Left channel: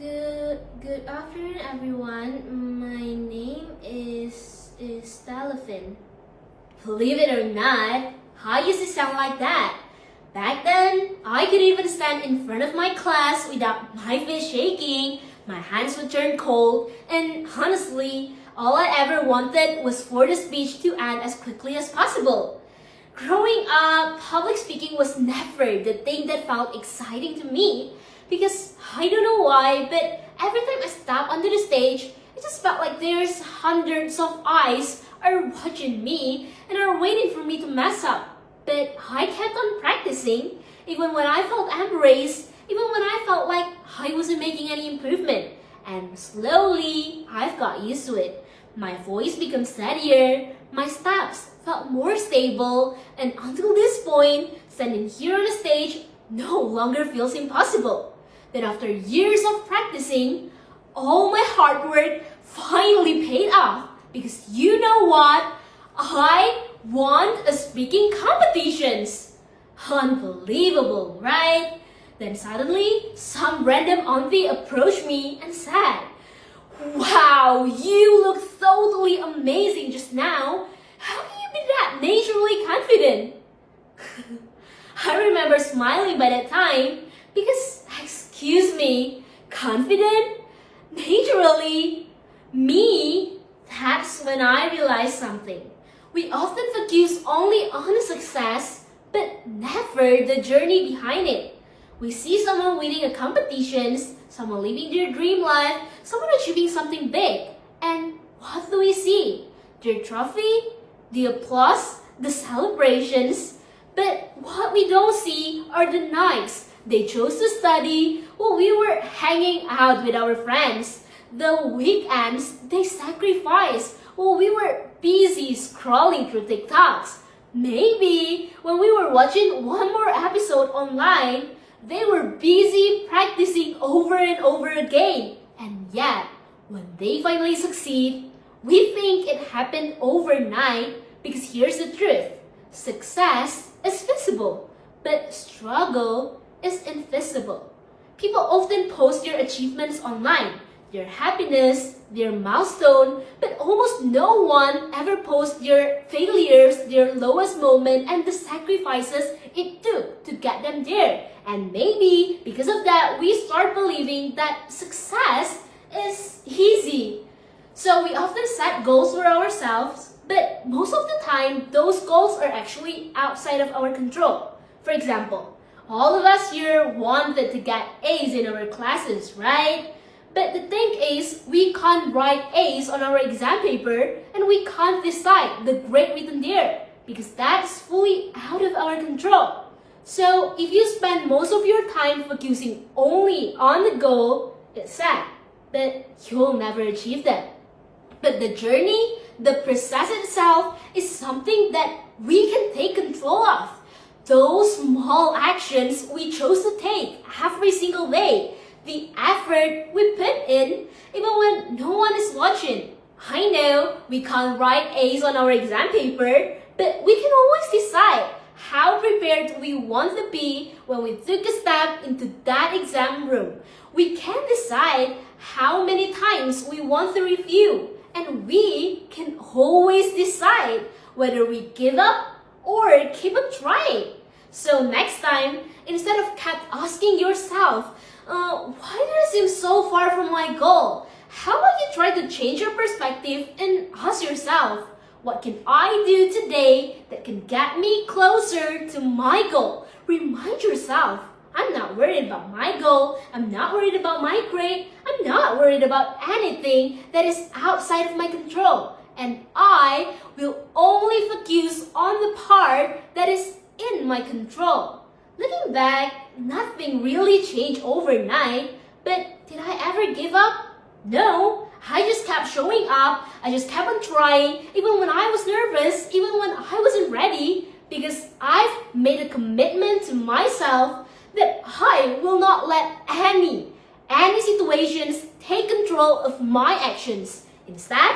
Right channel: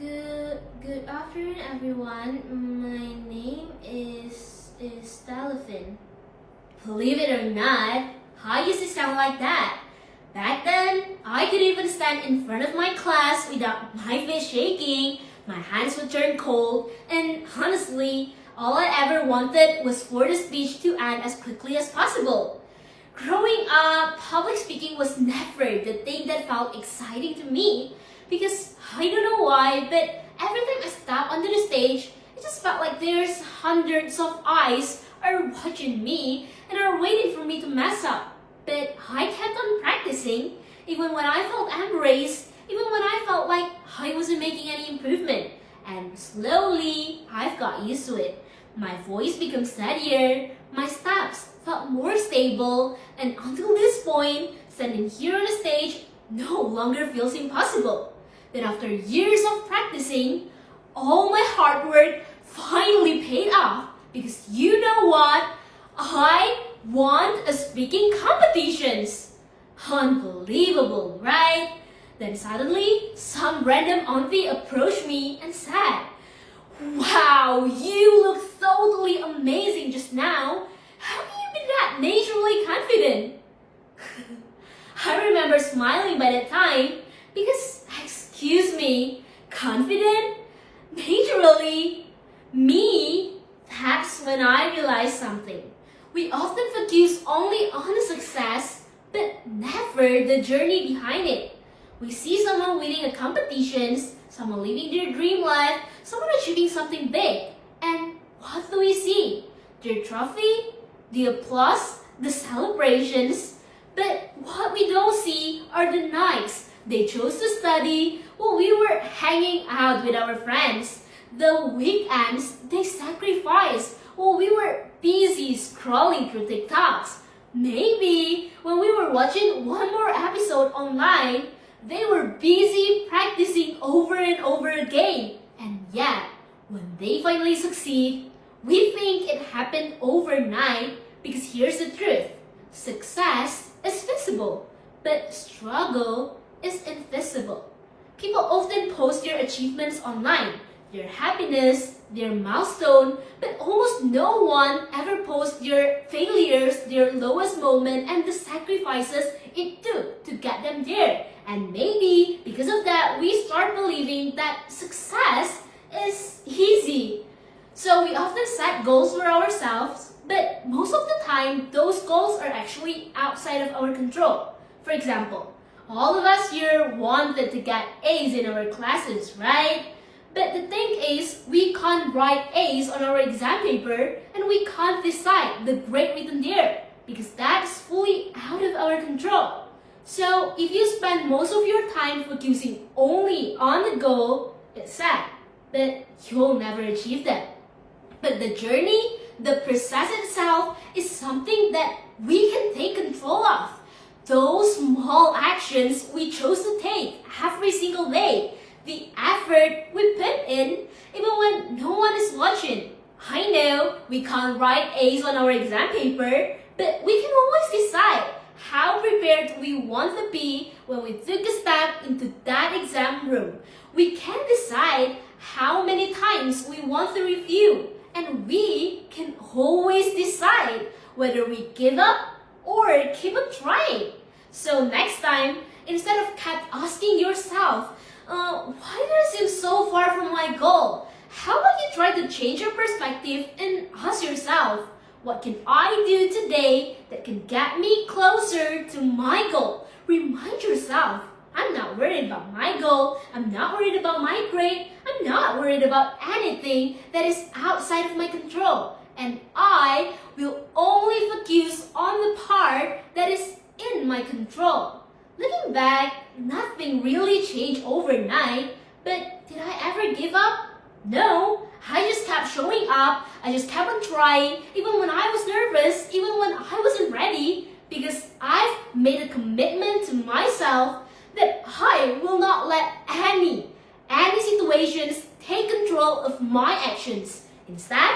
Good afternoon, everyone. My name is Stalafin. Believe it or not, I used to sound like that. Back then, I could even stand in front of my class without my face shaking, my hands would turn cold, and honestly, all I ever wanted was for the speech to end as quickly as possible. Growing up, public speaking was never the thing that felt exciting to me because I don't know why, but every time I step onto the stage, it just felt like there's hundreds of eyes are watching me and are waiting for me to mess up. But I kept on practicing, even when I felt embarrassed, even when I felt like I wasn't making any improvement. And slowly, I've got used to it. My voice became steadier, my steps felt more stable, and until this point, standing here on the stage no longer feels impossible. Then after years of practicing, all my hard work finally paid off because you know what? I won a speaking competitions. Unbelievable, right? Then suddenly, some random auntie approached me and said, "Wow, you look totally amazing just now. How can you be that naturally confident?" I remember smiling by that time because, excuse me, confident? Naturally? Me? That's when I realized something. We often focus only on the success, but never the journey behind it. We see someone winning a competitions, someone living their dream life, someone achieving something big. And what do we see? Their trophy, the applause, the celebrations. But what we don't see are the nights they chose to study while we were hanging out with our friends. The weekends they sacrificed while we were busy scrolling through TikToks. Maybe when we were watching one more episode online, they were busy practicing over and over again. And yet, when they finally succeed, we think it happened overnight because here's the truth. Success is visible, but struggle is invisible. People often post their achievements online, their happiness, their milestone, but almost no one ever posts their failures, their lowest moment, and the sacrifices it took to get them there. And maybe because of that, we start believing that success is easy. So we often set goals for ourselves, but most of the time, those goals are actually outside of our control. For example, all of us here wanted to get A's in our classes, right? But the thing is, we can't write A's on our exam paper and we can't decide the grade written there because that's fully out of our control. So if you spend most of your time focusing only on the goal, it's sad, but you'll never achieve that. But the journey, the process itself is something that we can take control of. Those small actions we chose to take every single day, the effort we put in, even when no one is watching. I know we can't write A's on our exam paper, but we can always decide how prepared we want to be when we took a step into that exam room. We can decide how many times we want to review, and we can always decide whether we give up or keep on trying. So next time, instead of kept asking yourself, why did I seem so far from my goal? How about you try to change your perspective and ask yourself, what can I do today that can get me closer to my goal? Remind yourself, I'm not worried about my goal. I'm not worried about my grade. I'm not worried about anything that is outside of my control. And I will only focus on the part that is in my control. Looking back, nothing really changed overnight, but did I ever give up? No, I just kept showing up. I just kept on trying, even when I was nervous, even when I wasn't ready, because I've made a commitment to myself that I will not let any situations take control of my actions. Instead,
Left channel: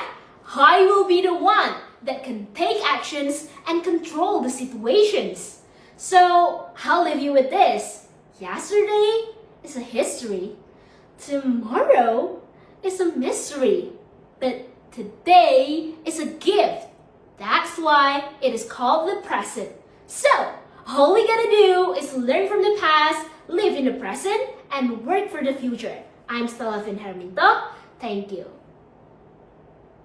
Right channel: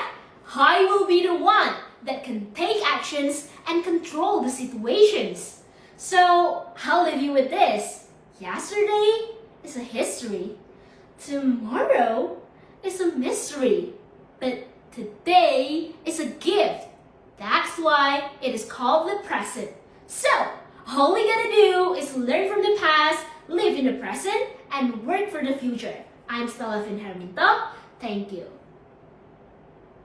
I will be the one that can take actions and control the situations. So I'll leave you with this. Yesterday is a history. Tomorrow is a mystery, but today is a gift. That's why it is called the present. So, all we gotta do is learn from the past, live in the present, and work for the future. I'm Stella Finherminto. Thank you.